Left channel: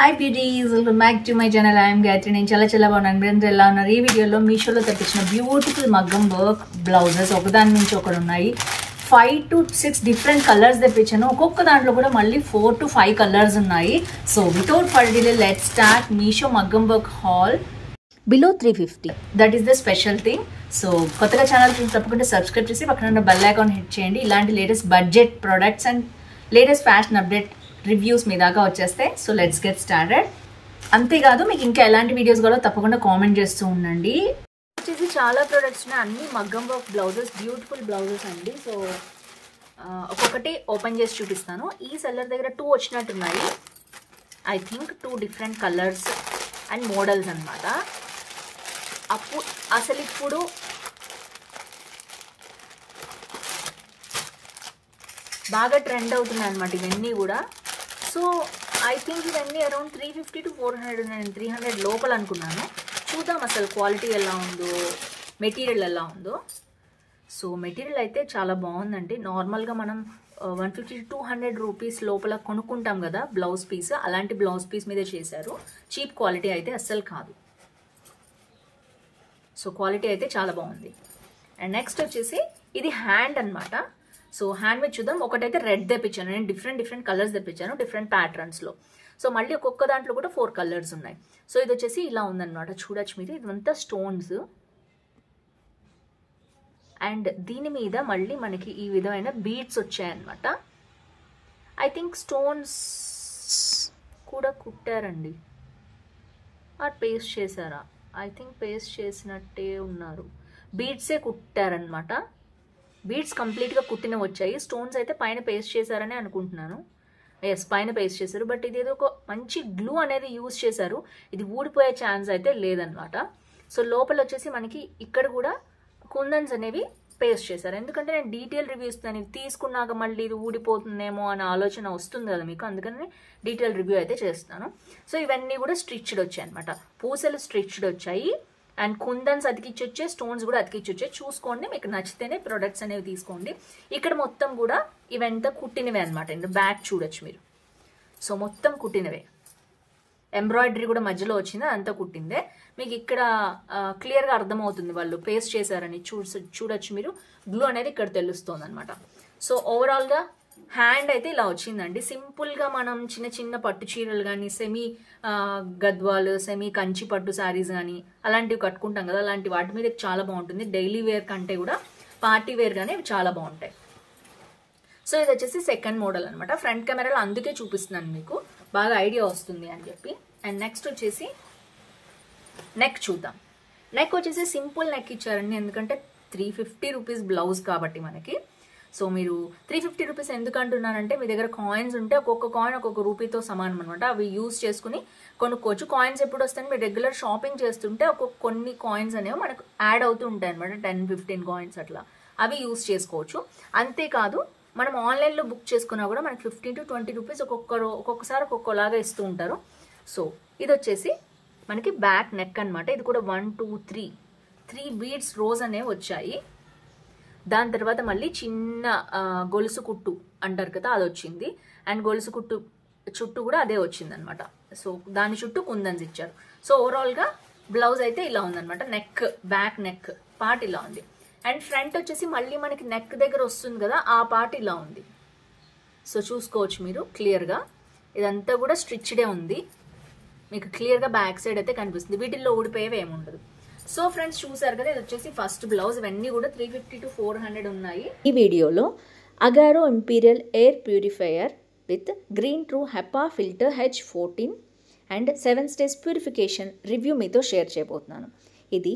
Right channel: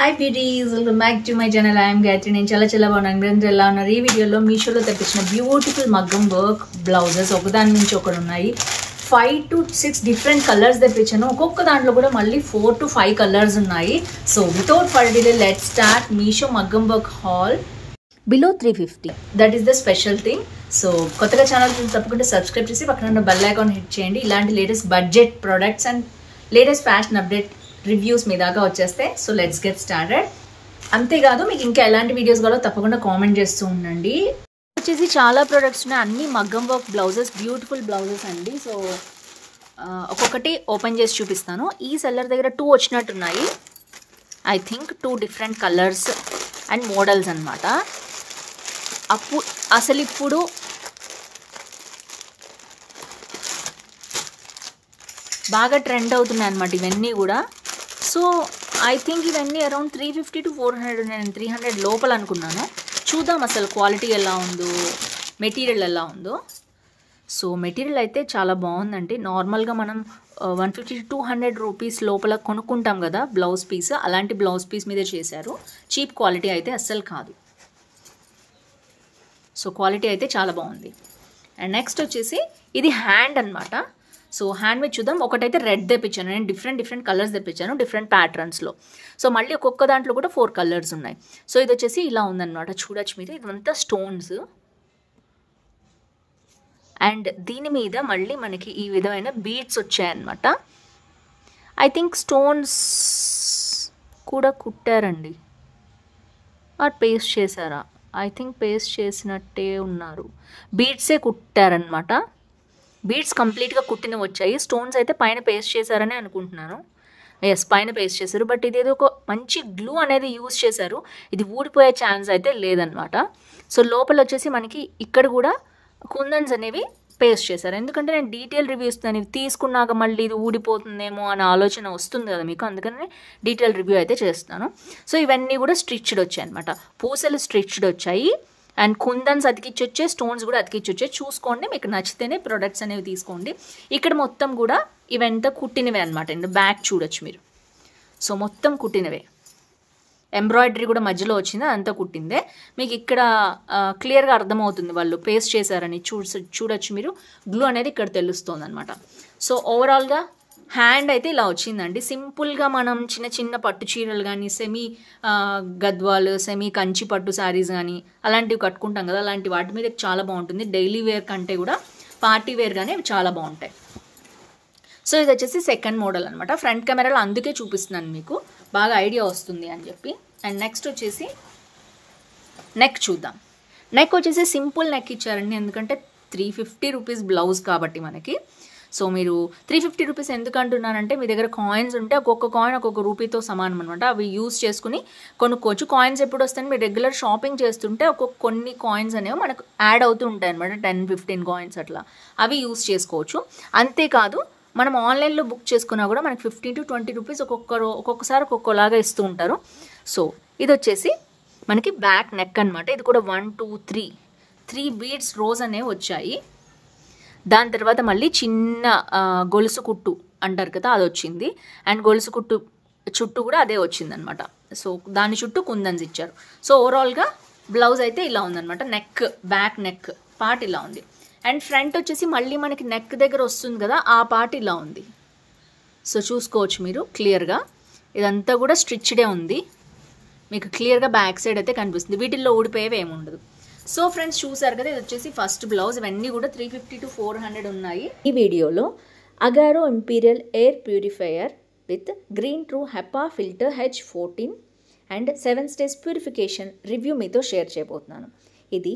Hi beauties, welcome back to my channel. I am Gayatri. నేను చాలా బాగున్నాను. ఈ వీడియోలో మీషోలో తెప్పించిన బ్యూటిఫుల్ మగ్గం వర్క్ బ్లౌజెస్ ఒకదాని నుంచి ఒకటి ఉన్నాయి. 5 to 6 డిఫరెంట్ కలర్స్ తెప్పించాను. ఒక్కొక్క దాంట్లో కూడా మళ్ళీ 4 to 5 కలర్స్ ఉన్నాయి. So without for delay let's start Meesho మగ్గం work haul below 350. That is the special thing. So కొత్తగా ఛానల్ తప్పకుండా సబ్స్క్రైబ్ చేసి పక్కన ఉన్న బెల్ ఐకాన్ హిట్ చేయండి. ఇలాంటి latest budget products and latest fashion update reviews మీ దాకా వచ్చేస్తాయి. So let's get started. అంతేకాదు మీకు ఇంకా ఎలాంటి వీడియోస్ కావాలో తప్పకుండా కామెంట్ చేస్తూ ఉండండి. వచ్చేసి చాలా ప్రొడక్ట్స్ ఉన్నాయి, అన్ని మగ్గం వర్క్ బ్లౌజెస్, బ్యూటిఫుల్ బ్లౌజెస్ అండి. సో ఒక్కొక్కటి ఓపెన్ చేసి చూపిస్తాను. ఈ సెల్లర్ దగ్గర 2 వచ్చినట్టున్నాయి. I think 2 different colours and models అనమాట. అసలు ఇప్పుడు బాగా ట్రెండ్ అవుతున్నాయి అనమాట ఇవన్నీ కూడా. సో ఐ థింక్ ఇవన్నీ అరౌండ్ 350 to 400, నేను 300 లోపల అనుకున్నాను. చూద్దాం అసలు క్వాలిటీ ఎలా ఉందో, మెటీరియల్ ఎలా ఉందో. సో మెటీరియల్ అయితే చాలా బాగుందండి. నార్మల్గా మనం 150 to 200 రూపీస్ లోపల కొనుక్కుంటాం కదా బ్లౌజ్ పీస్, అలాంటి బ్లౌజ్ పీస్ మీదే చేశారు. చీప్ క్వాలిటీ అయితే అస్సలు కాదు. సో క్వాలిటీ అయితే చాలా బాగుంది. అండ్ నెక్స్ట్ వచ్చేసి ఇది హ్యాండ్ అనమాట. సో హ్యాండ్ మీద చూద్దాం. ఒకటైతే రెడ్ తెప్పించాను నేను, డిఫరెంట్ కలర్స్ తెప్పించాను డిఫరెంట్ ప్యాటర్న్స్లో. సో మళ్ళీ ఒక్కొక్క దాంట్లో కూడా 4 కలర్స్ ఉన్నాయి. సో ఇది వచ్చేసి ఇలా ఉందన్నమాట, చూడొచ్చు మీరు. ఇదంతా స్టోన్స్ అండ్ దీని మీద మళ్ళీ మనకి ఈ విధమైన బీడ్స్ వచ్చాయన్నమాట. ఐ థింక్ స్టోన్స్ కూడా కుట్టారండి, పేస్ట్ చేశారా? ఐ థింక్ పేస్ట్ చేసినట్టే ఉన్నారు. బీడ్సే కుట్టారనమాట. బీడ్స్ కంప్లీట్గా కుట్టినవి వచ్చాయి. స్టోన్స్ అయితే పైన పేస్ట్ చేశారని అనుకుంటున్నాను. ఎస్, పైన పేస్ట్ చేశారు. బట్ ఇదేదో ఒక మంచి గ్లూ అనేది యూజ్ చేశారు. ఇది ఊడిపోయే ఛాన్స్ అయితే లేదనమాట. సో లోపల వచ్చేసి మనకి ఇక్కడ కూడా కుందన్స్ అనేవి పేస్ట్ చేశారు. ఎందుకంటే నేను డీటెయిల్ రివ్యూ ఇస్తాను. ఇవి తీసుకున్నాక మళ్ళీ ఇది ఊడిపోతుందేమో అనే ఆలోచన వస్తుంది కదా మీకు, అందుకని డీటెయిల్ రివ్యూ అయితే చేస్తాను. సో ఇవన్నీ కూడా స్టిచ్డ్ వచ్చాయి అనమాట. పూసలు స్టిచ్డ్ వచ్చాయి అండ్ కుందన్స్ అతికిచ్చి వచ్చే, స్టోన్స్ కూడా అతికిచ్చి వచ్చే. చూసుకోండి, మీకు నచ్చితేనే ప్రొడక్ట్స్ అనేవి తీసుకోండి. ఇక్కడ మొత్తం కూడా ఇవంతా కుట్టినవే అనమాట. బ్యాక్ చూడొచ్చు మీరు. సో మొత్తం కుట్టినవే. ఎంబ్రాయిడరీ కూడా మధ్యలో వచ్చింది, అదంతా కుట్టిందే. మీకు ఇక్కడ క్లియర్గా అర్థమవుతుంది వాళ్ళు పేస్ట్ చేశారని. చూడొచ్చు మీరు. గ్లూ అనేది ఇక్కడ తెలుస్తుంది అనమాట. సో ఓవరాల్గా హ్యాండ్ అయితే ఇలా వచ్చిందండి. సింపుల్గా మనం చిన్న పట్టు చీరలు కానీ, సెమీ గద్వాలు, సెమీ కంచి పట్టు శారీస్ కానీ అలాంటివి కట్టుకుంటాం కదా, అలాంటి వాటి మీద చాలా బాగుంటుంది. డైలీ వేర్ కంటే కూడా పార్టీ వేర్ కానీ ఇవి చాలా బాగుంటాయి. సో ఇది వచ్చేసి సెకండ్ మోడల్ అనమాట. ఫ్రంట్ కెమెరాలో అందుకే చూపిస్తున్నాను మీకు, బాగా ఐడియా వస్తుంది అని చెప్పి. అండ్ నెక్స్ట్ వచ్చేసి నెక్ చూద్దాం. నెక్ వచ్చేసి సింపుల్ నెక్ ఇచ్చారండి, ఎందుకంటే 350 రూపీస్ బ్లౌజ్ కాబట్టి మనకి. సో మీరు 350 రూపీస్ ఎందుకు అంటున్నానంటే, మీ దగ్గర కాయిన్స్ ఉంటే ఒక్కొక్క కాయిన్ ఒక్కొక్క రూపీతో సమానం అనమాట. అవి యూజ్ చేసుకుని కొనుక్కోవచ్చు. కాయిన్స్ ఎప్పుడు వస్తాయని మీరు రెగ్యులర్ షాపింగ్ చేస్తుంటే కొన్ని కాయిన్స్ అనేవి మనకు యాడ్ అవుతూ ఉంటాయి అనమాట. 10-15 కాయిన్స్ అట్లా, అవి యూజ్ చేసుకోవచ్చు. అంతేకాదు మనం ఆన్లైన్లో బుక్ చేసుకున్నా కూడా మనకి 15 to 20 రూపీస్ ఒక్కొక్కసారి ఒక్కొక్కలాగా ఇస్తూ ఉంటారు. సో ఇది వచ్చేసి మనకి బ్యాక్ నెక్ అనమాట. ఇది కూడా 1 2 3 బీడ్స్ రోజ్ అనేవి వచ్చాయి. దాని తర్వాత మళ్ళీ చిన్న గొలుసు కుట్టు అంటారు కదా, అది వచ్చింది. అండ్ గొలుసు కుట్టు చుట్టూ కూడా అదే వచ్చిందనమాట. సో దాని చుట్టూ కుందన్స్ ఇచ్చారు. సో ఓవరాల్గా బ్లౌజ్ అయితే ఇలా ఉందనమాట. నెక్, బ్యాక్ నెక్ పార్ట్ ఇలా ఉంది. అండ్ ఫ్రంట్ వచ్చేసి మళ్ళీ మనకి నెక్ దగ్గర వస్తుంది కదా, ఆ పార్ట్ ఇలా ఉంది. సో చూసుకోవచ్చు మీరు క్లియర్గా. ఇదంతా కూడా స్టిచ్డే ఉంది, మీకు క్లియర్గా బ్యాక్ సైడ్ అయితే కనిపిస్తుంది. వీటిల్లో ఊడిపోయేవి ఏమి ఉండదు. సో ఫ్రెండ్స్ చూసారు కదా, ఇది వచ్చేసి ఫస్ట్ బ్లౌజ్. ఇవన్నీ కూడా 350 to 400 ఉన్నాయి. ఈ వీడియోలో Agaro imperial air purifier with green true HEPA filter H14 and 7 stage purification review మీతో షేర్ చేయబోతున్నాను. ఇది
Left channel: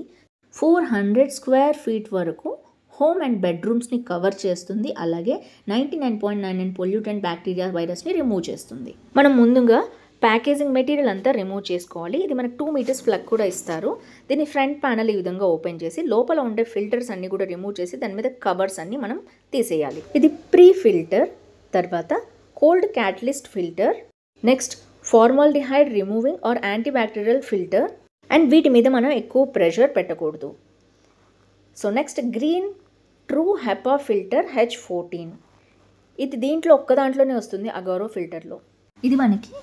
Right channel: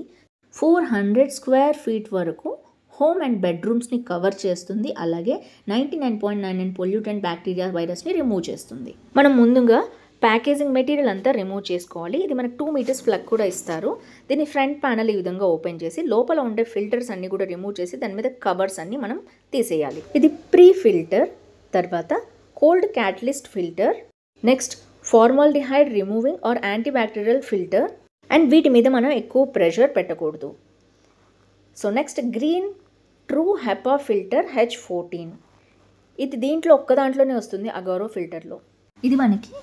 400 స్క్వేర్ ఫీట్ వరకు హోమ్ అండ్ బెడ్రూమ్స్ని కవర్ చేస్తుంది. అలాగే 99.99 పొల్యూటెంట్ బ్యాక్టీరియా వైరస్ని రిమూవ్ చేస్తుంది. మనం ముందుగా ప్యాకేజింగ్ మెటీరియల్ అంతా రిమూవ్ చేసుకోవాలి. ఇది మనకు 2 మీటర్స్ ప్లగ్ కూడా ఇస్తారు. దీని ఫ్రంట్ ప్యానల్ ఈ విధంగా ఓపెన్ చేసి లోపల ఉండే ఫిల్టర్స్ అన్ని కూడా రిమూవ్ చేసి దాని మీద కవర్స్ అన్ని మనం తీసేయాలి. ఇది ప్రీ ఫిల్టర్, తర్వాత cold catalyst filter, next formaldehyde removing or antibacterial filter. And వీటి మీద మనం ఎక్కువ ప్రెషర్ పెట్టకూడదు. So next green true HEPA filter H14. ఇది దీంట్లో ఒక్క దాంట్లోనే వస్తుంది, అగారో ఫిల్టర్లో. ఇది మనకి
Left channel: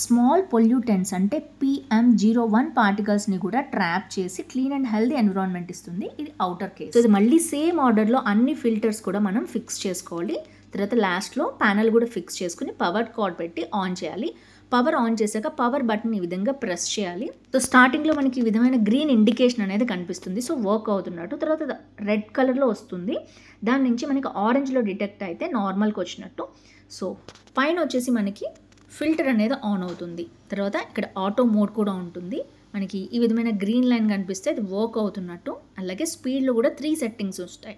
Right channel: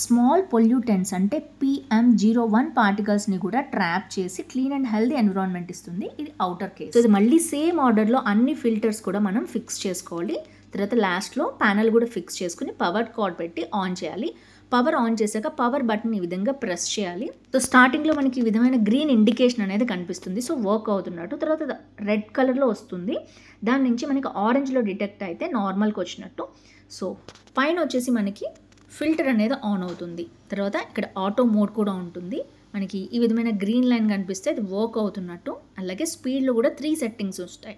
స్మాల్ పొల్యూటెంట్స్ అంటే PM01 పార్టికల్స్ని కూడా ట్రాప్ చేసి క్లీన్ అండ్ హెల్దీ ఎన్విరాన్మెంట్ ఇస్తుంది. ఇది అవుటర్ కేస్. సో ఇది మళ్ళీ సేమ్ ఆర్డర్లో అన్ని ఫిల్టర్స్ కూడా మనం ఫిక్స్ చేసుకోవాలి. తర్వాత లాస్ట్లో ప్యానల్ కూడా ఫిక్స్ చేసుకుని పవర్ కార్డ్ పెట్టి ఆన్ చేయాలి. పవర్ ఆన్ చేశాక పవర్ బటన్ ఈ విధంగా ప్రెస్ చేయాలి. సో స్టార్టింగ్లో మనకి ఈ విధమైన గ్రీన్ ఇండికేషన్ అనేది కనిపిస్తుంది. సో వర్క్ అవుతున్నట్టు. తర్వాత రెడ్ కలర్లో వస్తుంది. దాని నుంచి మనకి ఆరెంజ్లో డిటెక్ట్ అయితే నార్మల్కి వచ్చినట్టు. సో పైన వచ్చేసి మనకి ఫిల్టర్ అనేది ఆన్ అవుతుంది. తర్వాత ఇక్కడ ఆటో మోడ్ కూడా ఉంటుంది. మనకి ఈ విధమైన గ్రీన్ లైన్ కనిపిస్తే అది వర్క్ అవుతున్నట్టు. అలాగే స్పీడ్లో కూడా 3 సెట్టింగ్స్ వస్తాయి.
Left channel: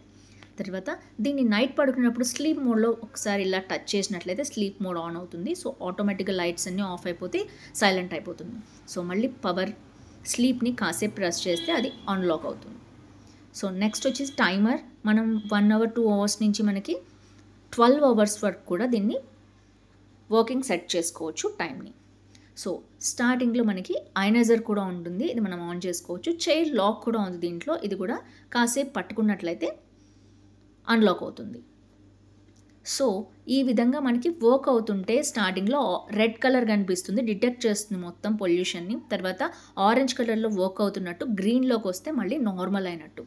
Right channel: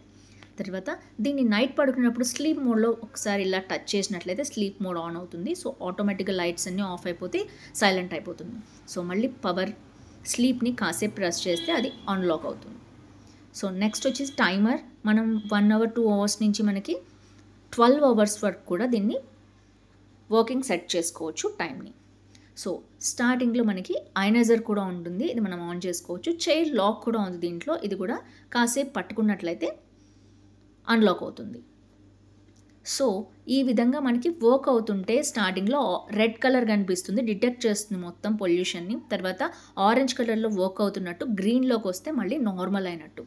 తర్వాత దీన్ని నైట్ పడుకున్నప్పుడు స్లీప్ మోడ్లో ఒకసారి ఇలా టచ్ చేసినట్లయితే స్లీప్ మోడ్ ఆన్ అవుతుంది. సో ఆటోమేటిక్గా లైట్స్ అన్నీ ఆఫ్ అయిపోతే సైలెంట్ అయిపోతుంది. సో మళ్ళీ పవర్ స్లీప్ని కాసేపు ప్రెస్ చేస్తే అది అన్లాక్ అవుతుంది. సో నెక్స్ట్ వచ్చేసి టైమర్. మనం 1 అవర్ 2 అవర్స్ నుంచి మనకి 12 అవర్స్ వరకు కూడా దీన్ని వర్కింగ్ సెట్ చేసుకోవచ్చు టైంని. సో స్టార్టింగ్లో మనకి ఐనైజర్ కూడా ఉంటుంది. ఇది మనం ఆన్ చేసుకోవచ్చు. చైర్ లాక్ కూడా ఉంది దీంట్లో. ఇది కూడా కాసేపు పట్టుకున్నట్లయితే అన్లాక్ అవుతుంది. సో ఈ విధంగా మనకి వర్క్ అవుతుంటే స్టార్టింగ్లో రెడ్ కలర్ కనిపిస్తుంది, డిటెక్ట్ చేస్తుంది మొత్తం పొల్యూషన్ని. తర్వాత ఆరెంజ్ కలర్లో వర్క్ అవుతున్నట్టు, గ్రీన్లోకి వస్తే మళ్ళీ నార్మల్ అయినట్టు.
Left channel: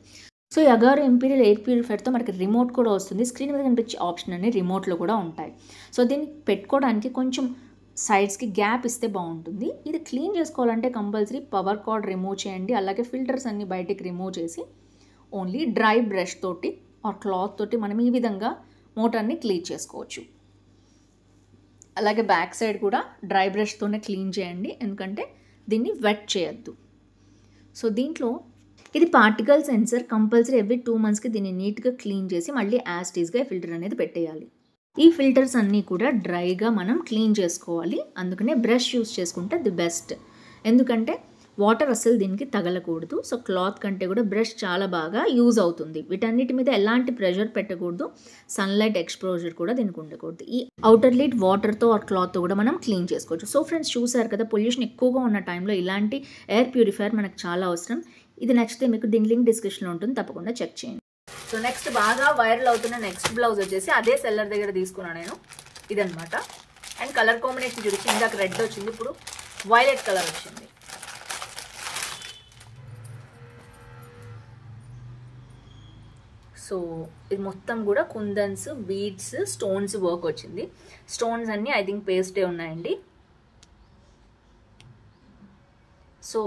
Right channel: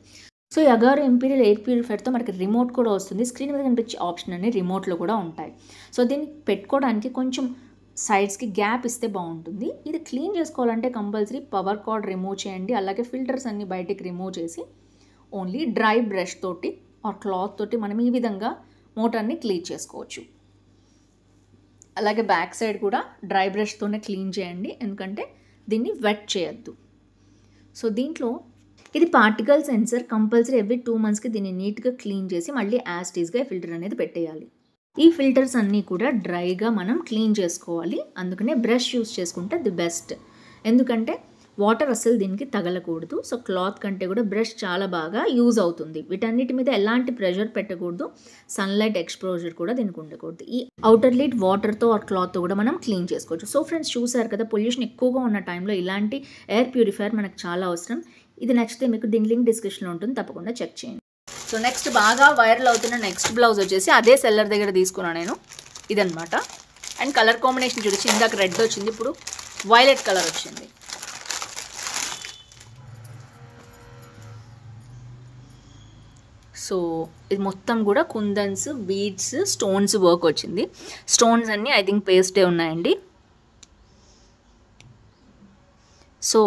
సో ఈ అగారో ఇంపీరియల్ ఎయిర్ ప్యూరిఫైర్తో మనకి రిమోట్ కూడా వస్తుంది. స్క్రీన్ మీద కనిపించే ఆప్షన్ అన్ని రిమోట్లో కూడా ఉంటాయి. సో దీన్ని పెట్టుకోవడానికి కొంచెం సైడ్స్కి గ్యాప్ ఇస్తే బాగుంటుంది. ఇది క్లీన్ చేసుకోవాలంటే కంపల్సరీ పవర్ కార్డ్ రిమూవ్ చేయండి. అలాగే ఫిల్టర్స్ అన్ని బయటికి రిమూవ్ చేసి ఓన్లీ డ్రై బ్రష్ తోటి ఆర్ క్లాత్ తోటి మనం ఈ విధంగా మోటార్ని క్లీన్ చేసుకోవచ్చు. అలాగే బ్యాక్ సైడ్ కూడా డ్రై బ్రష్తోనే క్లీన్ చేయండి, ఎందుకంటే దీన్ని వెట్ చేయొద్దు. సో దీంట్లో ఇది పార్టికల్ సెన్సర్. కంపల్సరీ ఎవ్రీ 2 మంత్స్కి దీన్ని నీట్గా క్లీన్ చేసి మళ్ళీ యాస్టీస్గా ఫిల్టర్ అనేది పెట్టేయాలి. ఈ ఫిల్టర్స్ అన్నీ కూడా డ్రైగా మనం క్లీన్ చేసుకోవాలి. అందుకనే బ్రష్ యూస్ చేసుకుంటే ది బెస్ట్. ఎందుకంటే వాటర్ అస్సలు దీనికి తగలకూడదు. సో క్లాత్ కంటే కూడా బ్రష్ చాలా బాగా యూజ్ అవుతుంది. వీటన్నిటి మీద ఎలాంటి ప్రెషర్ పెట్టకూడదు. సన్లైట్ ఎక్స్పోజర్ కూడా దీనికి ఉండకూడదు. ఈ అవుటర్ లిడ్ వాటర్తో ఆ క్లాత్తో కూడా మనం క్లీన్ చేసుకోవచ్చు. సో ఫ్రెండ్స్, చూసారు కదా, పొల్యూషన్ ఎక్కువగా ఉన్న టైంలో ఇలాంటి ఎయిర్ ప్యూరిఫైయర్ మనకు చాలా అవసరం. ఇది నచ్చితే మీకు దీని లింక్ డిస్క్రిప్షన్లో ఉంటుంది, తప్పకుండా చెక్ చేయండి. సో నెక్స్ట్ బాగా వైరల్ అవుతున్న నెక్స్ట్ బ్లౌజ్ వచ్చేసి అదే సెల్లర్ దగ్గర తీసుకున్నాను నేను. ఇదనమాట. అండ్ కలర్ కాంబినేషన్ చూసి ఇందాక రెడ్ వచ్చింది, ఇప్పుడు వైలెట్ కలర్ వచ్చింది. సో ఇది మొత్తం కూడా కుందన్స్, బీడ్స్, స్టోన్స్ వర్క్ వచ్చింది. స్టోన్స్ అన్నీ ఐ థింక్ పేస్టే ఉన్నాయండి. సో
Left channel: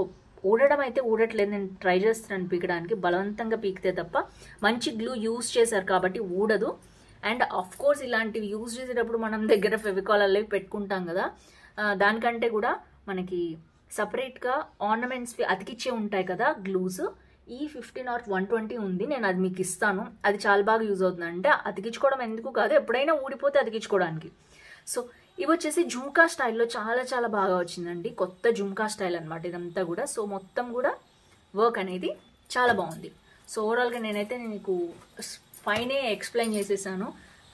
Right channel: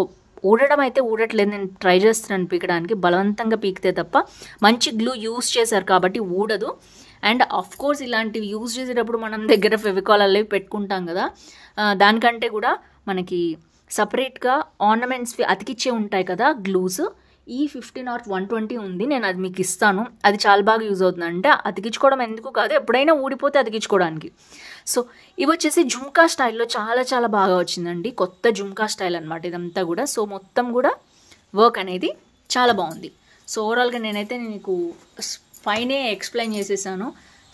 ఊడడం అయితే ఊడట్లేదు, నేను ట్రై చేస్తున్నాను పీకడానికి. బలవంతంగా పీకితే తప్ప, మంచి గ్లూ యూస్ చేశారు కాబట్టి ఊడదు. అండ్ ఆఫ్ కోర్స్ ఇలాంటివి యూజ్ చేసేటప్పుడు మనం దగ్గర ఫెవికాల్ అవి పెట్టుకుంటాం కదా, దానికంటే కూడా మనకి సపరేట్గా ఆర్నమెంట్స్ అతికిచ్చే ఉంటాయి కదా గ్లూస్. ఈ 15 or 120 ఉంది, నేను అది మీకు ఇస్తాను. అది చాలా బాగా యూజ్ అవుతుంది. అంటే అతికించుకోవడం ఎందుకు కాదు, ఎప్పుడైనా ఊడిపోతే అతికించుకోవడానికి. సో ఇవి వచ్చేసి జుమ్కా స్టైల్లో చాలా చాలా బాగా వచ్చిందండి. కొత్త జుమ్కా స్టైల్ అనమాట ఇదంతా కూడా. సో మొత్తం కూడా వర్క్ అనేది చాలా బాగుంది. సో ఓవరాల్గా నేనైతే మీకు పైనే ఎక్స్ప్లెయిన్ చేసేసాను.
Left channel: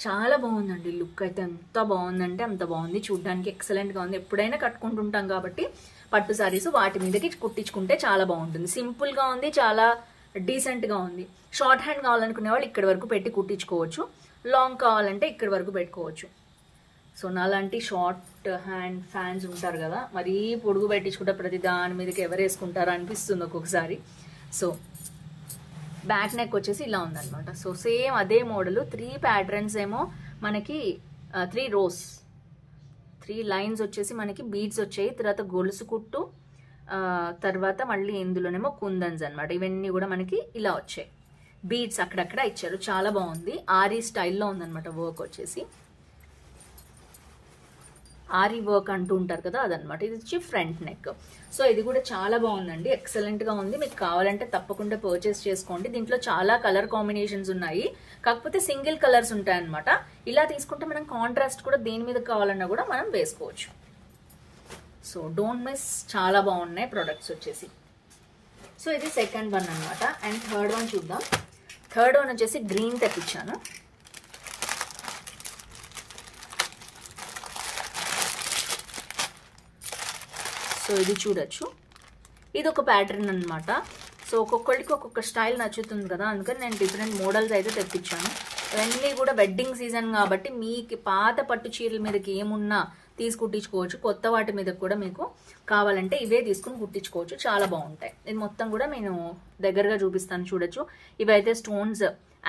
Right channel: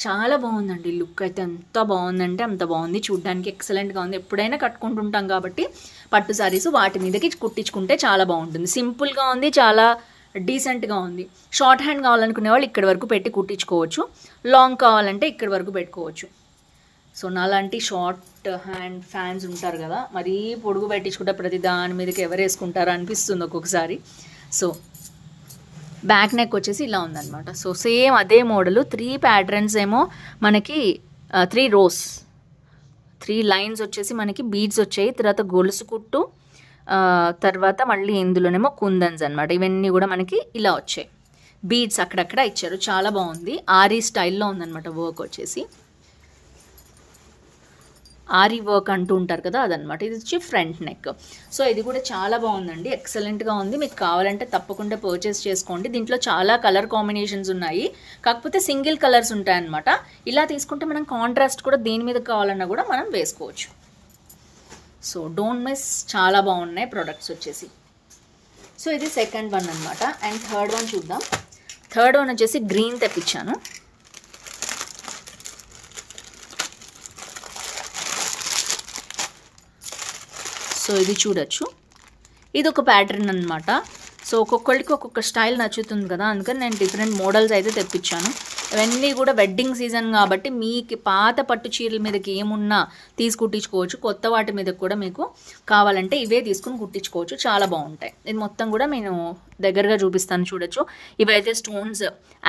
చాలా బాగుందండి. లుక్ అయితే ఎంత బాగుందంటే అంత బాగుంది. చూడ్డానికి ఎక్సలెంట్గా ఉంది. ఎప్పుడైనా కట్టుకుంటుంటాం కాబట్టి పట్టు సారీస్ వాటి మీదకి కుట్టించుకుంటే చాలా బాగుంటుంది. సింపుల్గా ఉంది, చాలా డీసెంట్గా ఉంది. షార్ట్ హ్యాండ్ కావాలనుకునే వాళ్ళు ఇక్కడి వరకు పెట్టి కుట్టించుకోవచ్చు. లాంగ్ కావాలంటే ఇక్కడి వరకు పెట్టుకోవచ్చు. సో నాలాంటి షార్ట్ హ్యాండ్ ఫ్యాన్స్ ఉంటారు కదా, మరీ పొడుగు పెట్టించుకుంటే ప్రతి దాని మీదకి ఎవరు వేసుకుంటారో అనిపిస్తుంది ఒక్కొక్కసారి. సో బ్యాక్ నెక్ వచ్చేసి ఇలా ఉందన్నమాట. సో సేమ్ అదే మోడలు. 3 ప్యాటర్న్స్ ఏమో మనకి 3 రోస్, 3 లైన్స్ వచ్చేసి మనకి బీడ్స్ వచ్చాయి. తర్వాత గొలుసు కుట్టు, తర్వాత మళ్ళీ ఇందులోనేమో కుందన్స్ అనమాట. ఇవన్నీ కూడా మనకి ఇలా వచ్చాయి. బీడ్స్ అక్కడక్కడ ఇచ్చారు. చాలా బాగుంది. ఆరీ స్టైల్లో ఉందన్నమాట వర్క్ వచ్చేసి. ఆరీ వర్క్ అంటూ ఉంటారు కదా, అదనమాట. ఇది వచ్చి ఫ్రంట్ నెక్. సో ఇది కూడా చాలా బాగుందండి, ఎక్సలెంట్గా ఉంది. మీకు కావాలంటే తప్పకుండా పర్చేస్ చేసుకోండి. దీంట్లో చాలా కలర్ కాంబినేషన్స్ ఉన్నాయి, కాకపోతే సింగిల్ కలర్స్ ఉంటాయన్నమాట. ఇలా తీసుకుంటే మనం కాంట్రాస్ట్ కూడా దేని మీద కావాలన్నా కూడా మనం వేసుకోవచ్చు. సో డోంట్ మిస్, చాలా బాగున్నాయి ప్రొడక్ట్స్ వచ్చేసి. సో ఇది సెకండ్ వన్ అనమాట. అండ్ థర్డ్ వన్ చూద్దాం. థర్డ్ వన్ వచ్చేసి గ్రీన్ తెప్పించాను. సో ఇది చూడొచ్చు, ఇది ఒక ప్యాటర్న్ అనమాట. సో ఒక్కొక్కరికి ఒక్కొక్క స్టైల్ నచ్చుతుంది కదా, అందుకని నేను డిఫరెంట్ మోడల్స్ అయితే తెప్పించాను. ఇవన్నీ కూడా వెడ్డింగ్ సీజన్ కాబట్టి మీకు పాత పట్టు చీరల మీదకి ఏమున్నా తీసి కుట్టించుకోవచ్చు. కొత్త వాటి మీద కూడా మీకు కావాలంటే ఇవే తీసుకుని కుట్టించుకోవచ్చు. చాలా బాగుంటాయి. ఇది మొత్తం కూడా నేను దగ్గరగా చూపిస్తాను, చూడొచ్చు. ఇవైతే స్టోన్స్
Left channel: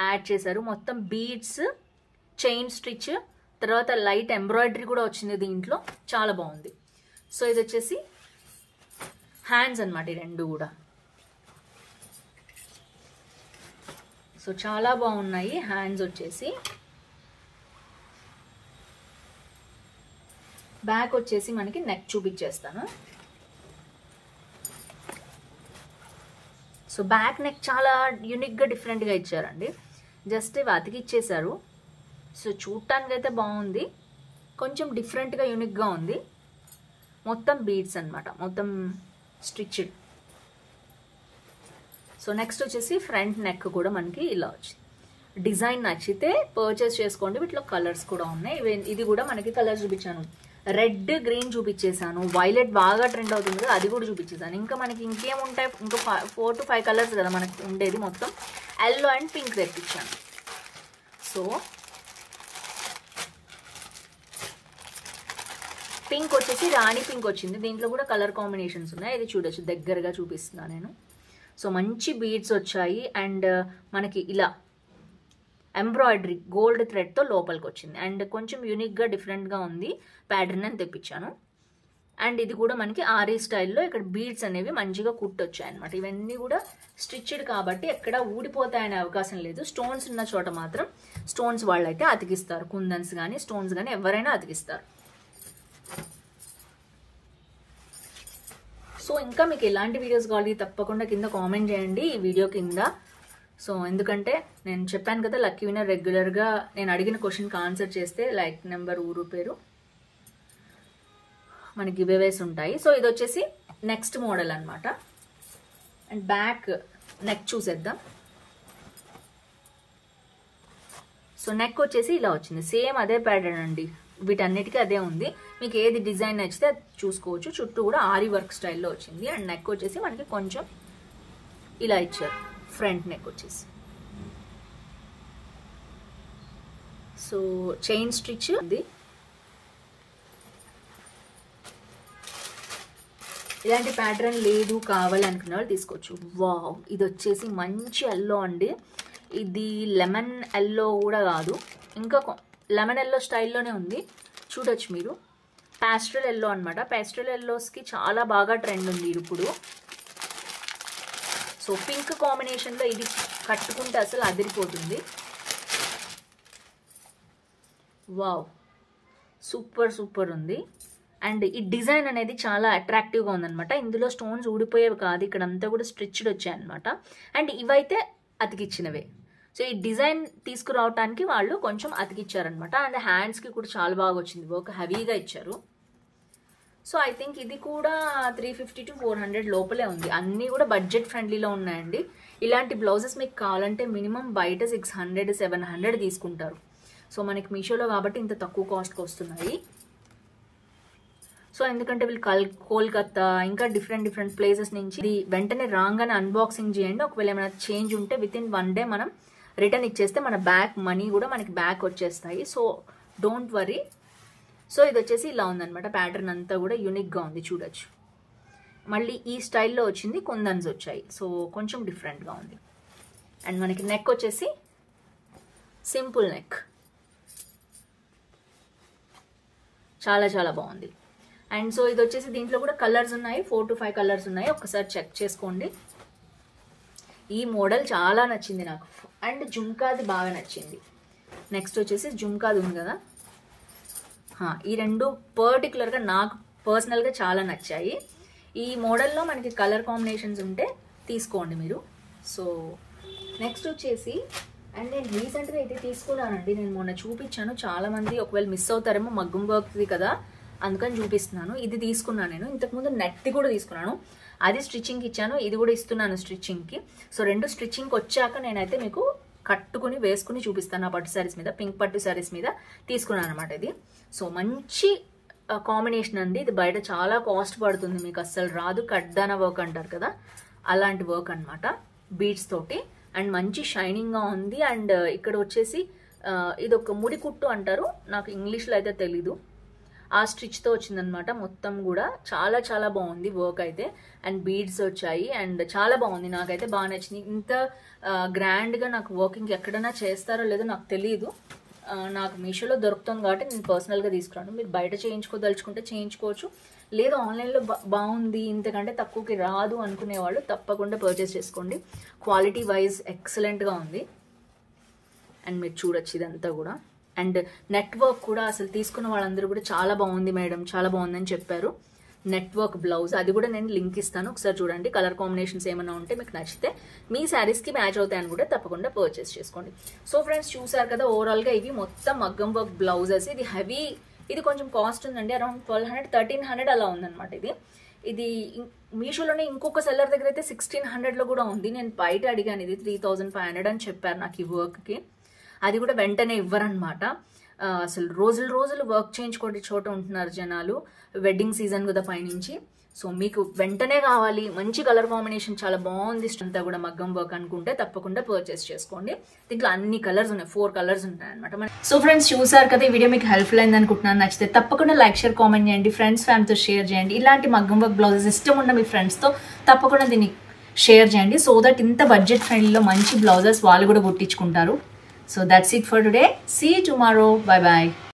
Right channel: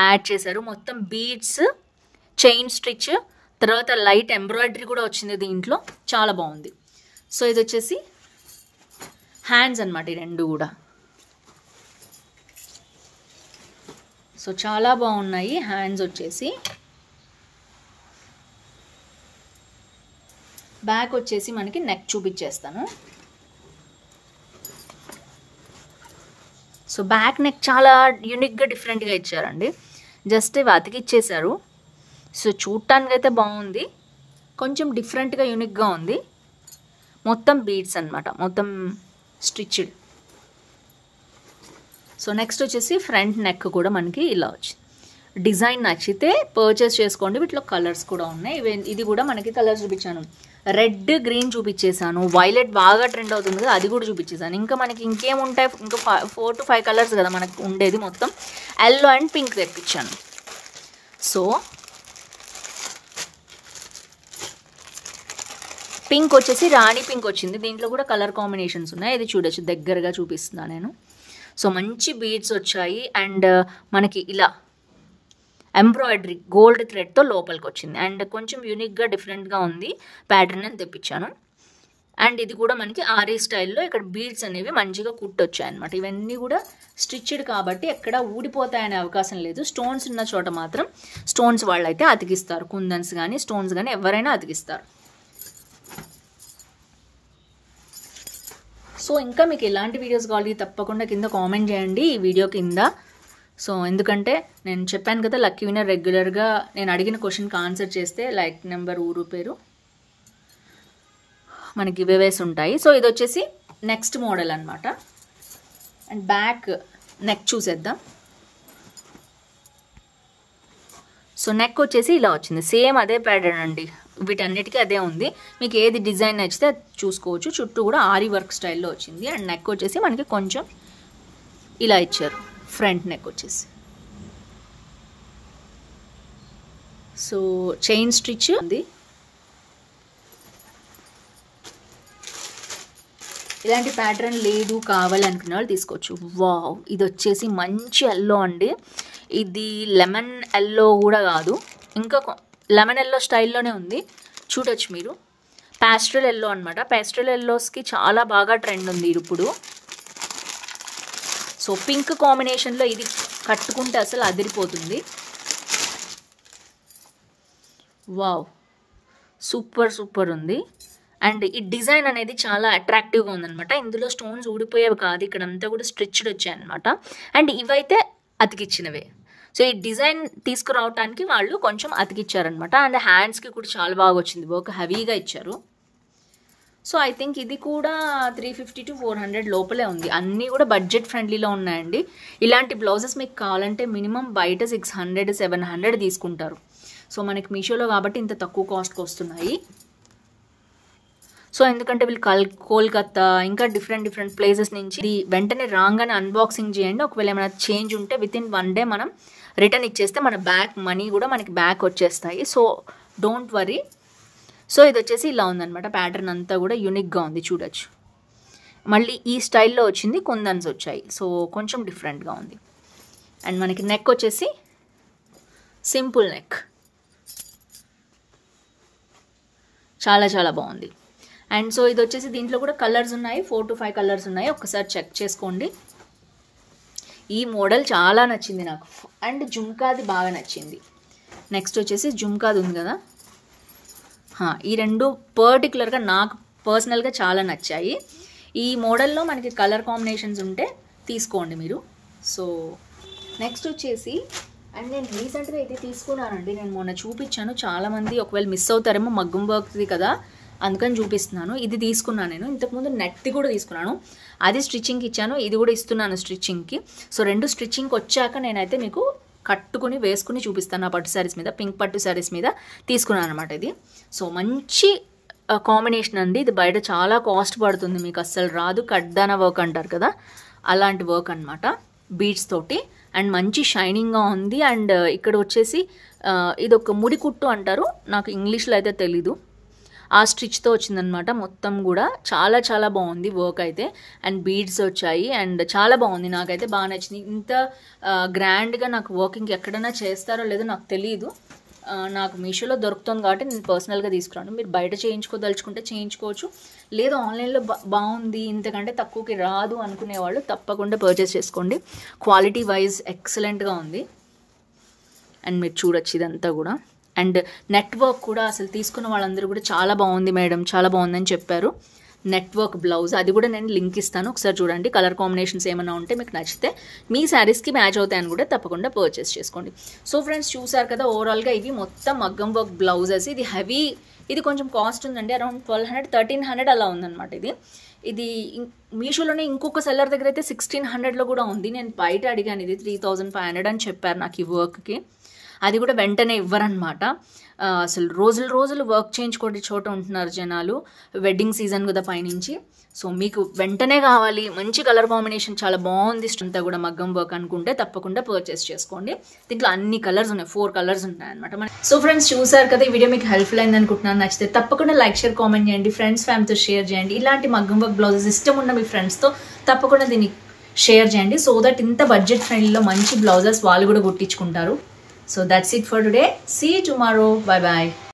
యాడ్ చేశారు. మొత్తం బీడ్స్, చైన్ స్టిచ్, తర్వాత లైట్ ఎంబ్రాయిడరీ కూడా వచ్చింది దీంట్లో. చాలా బాగుంది. సో ఇది వచ్చేసి హ్యాండ్స్ అన్నమాట, ఈ రెండు కూడా. సో చాలా బాగున్నాయి హ్యాండ్స్ వచ్చేసి. బ్యాక్ వచ్చేసి మనకి నెక్ చూపించేస్తాను. సో బ్యాక్ నెక్ చాలా యూనిక్గా డిఫరెంట్గా ఇచ్చారండి. జస్ట్ ఇవి అతికిచ్చేశారు. సో చూడటానికి అయితే బాగుంది, కొంచెం డిఫరెంట్గా యూనిక్గా ఉంది. మొత్తం బీడ్స్ అన్నమాట, మొత్తం స్టిచ్డ్. సో నెక్స్ట్ వచ్చేసి ఫ్రంట్ నెక్ కూడా మనకి ఇలా వచ్చింది. డిజైన్ నచ్చితే పర్చేస్ చేసుకోండి. వీటిలో కలర్స్ కూడా ఉన్నాయి. ఇది కూడా మనకి కలర్స్ చూపించాను. రెడ్, గ్రీన్ చూపించేసాను. వైలెట్ బాగా ట్రెండ్ అవుతుంది కదా, అది కూడా చూపించేసాను. ఇంకా మనకి ఇంకేముంటాయి, ఇంకా 4 to 5 కలర్స్ కదా మనకు ఉండేది. మొత్తం ఎల్లో అండ్ పింక్ తెప్పించాను. సో పింక్ వచ్చేసి రాణి పింక్ వచ్చింది. దీంట్లో కూడా కలర్ కాంబినేషన్స్ ఉన్నాయి. ఇది చూడొచ్చు, దగ్గరగా చూపిస్తున్నాను నేను. సో మంచి బీడ్స్ వచ్చాయి అండ్ మనకి ఇలా ఎంబ్రాయిడరీ గోల్డ్ థ్రెడ్తో లోపలికి వచ్చింది. అండ్ కొంచెం యూనిక్గా డిఫరెంట్గా ఉంది ప్యాటర్న్ అని తెప్పించాను. అండ్ ఇది కూడా మనకి ఆరీ స్టైల్లో ఇక్కడ బీడ్స్ అనేవి మంచిగా కుట్టొచ్చాయి అనమాట. ఇవన్నీ కూడా స్టిచ్డ్ కాబట్టి ఎక్కడ ఊడిపోతాయనే అవకాశం లేదు. స్టోన్స్ ఉన్న చోట మాత్రం స్టోన్స్ వాళ్ళు అయితే అతికిస్తారు. కుందన్స్ కానీ స్టోన్స్ కానీ ఎవరైనా అతికిస్తారు. సో ఇంకా మీకు ఎలాంటి వీడియోస్ కావాలి తప్పకుండా కింద కామెంట్ చేయండి ఈ వీడియో కింద. సో ఎందుకంటే నేను చెప్పాను కదా, లక్కీ విన్నర్ రెగ్యులర్గా నేను అడిగిన క్వశ్చన్కి ఆన్సర్ చేస్తే లైక్ నెంబర్, ఊరు పేరు మనకి గివ్అవేస్ ఉంటాయి. సో ఇది వచ్చేసి నెక్స్ట్ మోడల్ అనమాట. అండ్ బ్యాక్ నెక్ చూసేద్దాం. సో నెక్ వచ్చేసి ఇలా వచ్చింది. సేమ్ అదే ప్యాటర్న్ అండి, వీటన్నిటికీ అదే ఉంది. మీకు ఏది డిజైన్ నచ్చితే అది చూసుకోవచ్చు. చుట్టూ కూడా ఆరీ వర్క్ స్టైల్లో వచ్చింది. అండ్ నెక్ వచ్చేసి మనకి కొంచెం ఇలా ఇచ్చారు, ఫ్రంట్ నెక్ వచ్చేసి. సో చైన్ స్టిచ్ ఉంది. ఇలాంటి ప్యాటర్న్ లేదు కావాలనుకున్న వాళ్ళు తీసుకోవచ్చు. వావ్, ఇది వచ్చేసి మంచి ఎల్లో అండి. ఇది లెమన్ ఎల్లో కూడా కాదు, ఇంకా లెమన్ ఎల్లో స్టైల్లోనే ఉంది. చూడొచ్చు మీరు, ప్యాస్టల్ ఎల్లో అనమాట. ప్యాస్టల్ ఎల్లోస్కి చాలా బాగా ట్రెండ్ ఉంది ఇప్పుడు. సో పింక్ కాంబినేషన్లో ఇది కట్టుకుంటే అసలు అదిరిపోతుంది. వావ్, సూపర్ సూపర్ ఉంది. అండ్ ఈ డిజైన్ అనేది చాలా అట్రాక్టివ్గా ఉందన్నమాట. ఇందులో స్టోన్స్ ఊడిపోయేవి కాదు, ఇక్కడ అంతా కూడా స్ట్రిచ్డ్ వచ్చాయన్నమాట. అండ్ ఇవైతే అతికిచ్చినవే. సో ఈ డిజైన్ తీసుకురావడానికి వాళ్ళు కొంచెం అతికిచ్చారనమాట. అండ్ హ్యాండ్స్కి కూడా చాలా బాగా వచ్చింది, వర్క్ హెవీగా ఇచ్చారు. సో ఐ థింక్ ఇది కూడా 350 to 400 లోపలే ఉంది. అన్నీ కూడా బడ్జెట్ ఫ్రెండ్లీలో ఉన్నాయండి. ఇలాంటి బ్లౌజెస్ మీకు కావాలంటే మినిమం బయట 600, 700 తీసుకుంటారు. సో మనకి మీషోలో కాబట్టి ఇంత తక్కువ కాస్ట్కి వస్తున్నాయి. సో ఎందుకంటే వీళ్ళు కోల్కత్తా ఇంకా డిఫరెంట్ ప్లేసెస్ నుంచి వెంటనే రాగానే అన్బాక్సింగ్ చేయండి. ఒకవేళ ఏమైనా చేంజ్ ఉంటే వితిన్ 1 day మనం రిటర్న్ ఇచ్చేస్తే మన బ్యాక్ మనీ కూడా మనకి బ్యాక్ వచ్చేస్తాయి. So don't worry. సో ఇది వచ్చేసి ఇలా ఉందన్నమాట. ప్యాటర్న్ అంతా కూడా యూనిక్గా ఉంది, చూడొచ్చు. మళ్ళీ ఈ స్టైల్లో వచ్చింది, కుందన్స్ వచ్చాయి. సో కొంచెం డిఫరెంట్గా ఉంది. అండ్ మనకి నెక్ వచ్చేసి సింపుల్ నెక్, చాలా చాలా బాగుంది. అండ్ సో ఇది వచ్చేసి దీంట్లో కూడా కలర్స్ ఉన్నాయి, 4 to 5 కలర్స్ ఉన్నాయి. ఒక్కసారి చెక్ చేసుకోండి. ఈ మోడల్ చాలా నచ్చింది నాకు. అండ్ జుమ్కాది బాగా నచ్చింది. నెక్స్ట్ వచ్చేసి జుమ్కాది ఉంది కదా, ఈ రెండు పర్టికులర్గా నాకు పర్సనల్గా చాలా నచ్చాయి. ఈ మోడల్లో మనకి కలర్ కాంబినేషన్స్ ఉంటే తీసుకోండి మీరు. సో నెక్స్ట్ వచ్చేసి, అండ్ నేను రీసెంట్గా ఇది తీసుకున్నానండి. నేను మొన్న చూపించాను, చాలామంది ఒకవేళ మిస్ అవుతారేమో, మగ్గం వర్క్ది కదా అందుకని చూపిస్తున్నాను. ఇది తీసుకున్నాను నేను. ఇంతకుముందు నెట్ది కూడా తీసుకున్నాను, అది స్టిచ్చింగ్కి ఇచ్చాను. ఇది కూడా ఇస్తున్నాను స్టిచ్చింగ్కి. సో 2 స్టిచ్చింగ్కి వచ్చాక నేనైతే మీకు కట్టుకుని వేసుకుని చూపిస్తాను. ఆ పట్టు శారీస్ మీద, పింక్ పట్టు శారీస్ మీద తీసుకున్నాను అనమాట ఇది. సో మంచి కాంబినేషన్ అండి. ఇది బయట చాలా కాస్ట్ పడుతుంది, మీకు అస్సలు రాదు. కడ్దానా వర్క్ అంటారు కదా, అలాంటి వర్క్ అనమాట, బీడ్స్ తోటి. అండ్ మంచి షైనింగ్గా ఉంది. అండ్ ఇక్కడ వచ్చేసి ఇదొక ముడి కుట్టు అంటారు, నాకు ఇంగ్లీష్లో అయితే తెలీదు. ఆ స్టిచ్తో వచ్చిందనమాట మొత్తం కూడా. చాలా చాలా బాగుంది వర్క్ అయితే. అండ్ బీడ్స్ వచ్చాయి అండ్ చాలా బాగుంది, నాకైతే బాగా నచ్చింది. ఇంత గ్రాండ్గా నాకు వర్కింగ్ ఎక్కడైనా చేస్తారో లేదో నాకు తెలియదు. నాకు మీషోలో దొరుకుతుంది కాబట్టి నేను పర్సనల్గా తీసుకురాను. మీరు బయట చేయించుకోదలుచుకుంటే చేయించుకోవచ్చు, లేదు ఆన్లైన్లో బాగుంది ఇంతకంటే తక్కువకి రాదు అనుకునేవాళ్ళు తప్పకుండా పర్చేస్ చేసుకోండి. క్వాలిటీ వైజ్ ఎక్సలెంట్గా ఉంది. అండ్ మీరు చూడొచ్చు ఇదంతా కూడా. అండ్ నెట్వర్క్ కూడా అసలు తీసుకున్న వాళ్ళందరూ కూడా చాలా బాగుంది మేడం, చాలా బాగుందని చెప్పారు. నెట్వర్క్ బ్లౌజ్, అది కూడా నేను లింక్ ఇస్తాను, ఒకసారి చూడండి. కలర్ కాంబినేషన్స్ ఏమైనా ఉంటే మీకు నచ్చితే మీ శారీస్కి మ్యాచ్ అవుతాయని కూడా తప్పకుండా పర్చేస్ చేసుకోండి. సో ఫ్రెండ్స్ చూసారు కదా, ఓవరాల్గా ఇవి మొత్తం మగ్గం వర్క్ బ్లౌజెస్. ఇది హెవీ, ఇది కొంచెం కాస్ట్ ఉందండి, అరౌండ్ 1200 1300 అలా ఉందన్నమాట. ఇది మీషోలోనే ఇంకొక సెల్లర్ దగ్గర అయితే 1600లో కూడా ఉంది. నేను బయట అడిగాను, ఇది 3500 అని చెప్పారు నాకు ఈ వర్క్కి. అది కూడా వెంటనే ఇవ్వరనమాట. అసలు రోజులు వర్క్ చేయించుకోండి చోట ఉంటున్నారు జనాలు, వెడ్డింగ్ సీజన్ కదా పైనుంచి. సో మీకు వెంటనే కావాలి, మంచి కలర్ కాంబినేషన్ చాలా బాగుంది, అంతా కూడా మగ్గం వర్క్ అనుకుంటే తప్పకుండా పర్చేస్ చేసుకోండి. దీంట్లో అన్ని కలర్స్ ఉన్నాయి, 4 కలర్స్ ఉంటాయి అనమాట. సో ఫ్రెండ్స్ చూసారు కదా, ఈ వీడియో మీకు హెల్ప్ఫుల్ అయింది అనుకుంటున్నాను. నచ్చితే తప్పకుండా లైక్, షేర్, కామెంట్ చేయండి, ఫ్రెండ్స్ ఫ్యామిలీతో షేర్ చేయండి. ఇలాంటి మగ్గం వర్క్ బ్లౌజెస్ ఇష్టం ఉన్న మీ ఫ్రెండ్స్తో తప్పకుండా దీన్ని షేర్ చేయండి, సో దట్ ఇంత బడ్జెట్ ఫ్రెండ్లీలో మంచి బ్లౌజెస్ వాళ్ళు కూడా కుట్టించుకుంటారు. So that's it for today. See you tomorrow. Bye bye.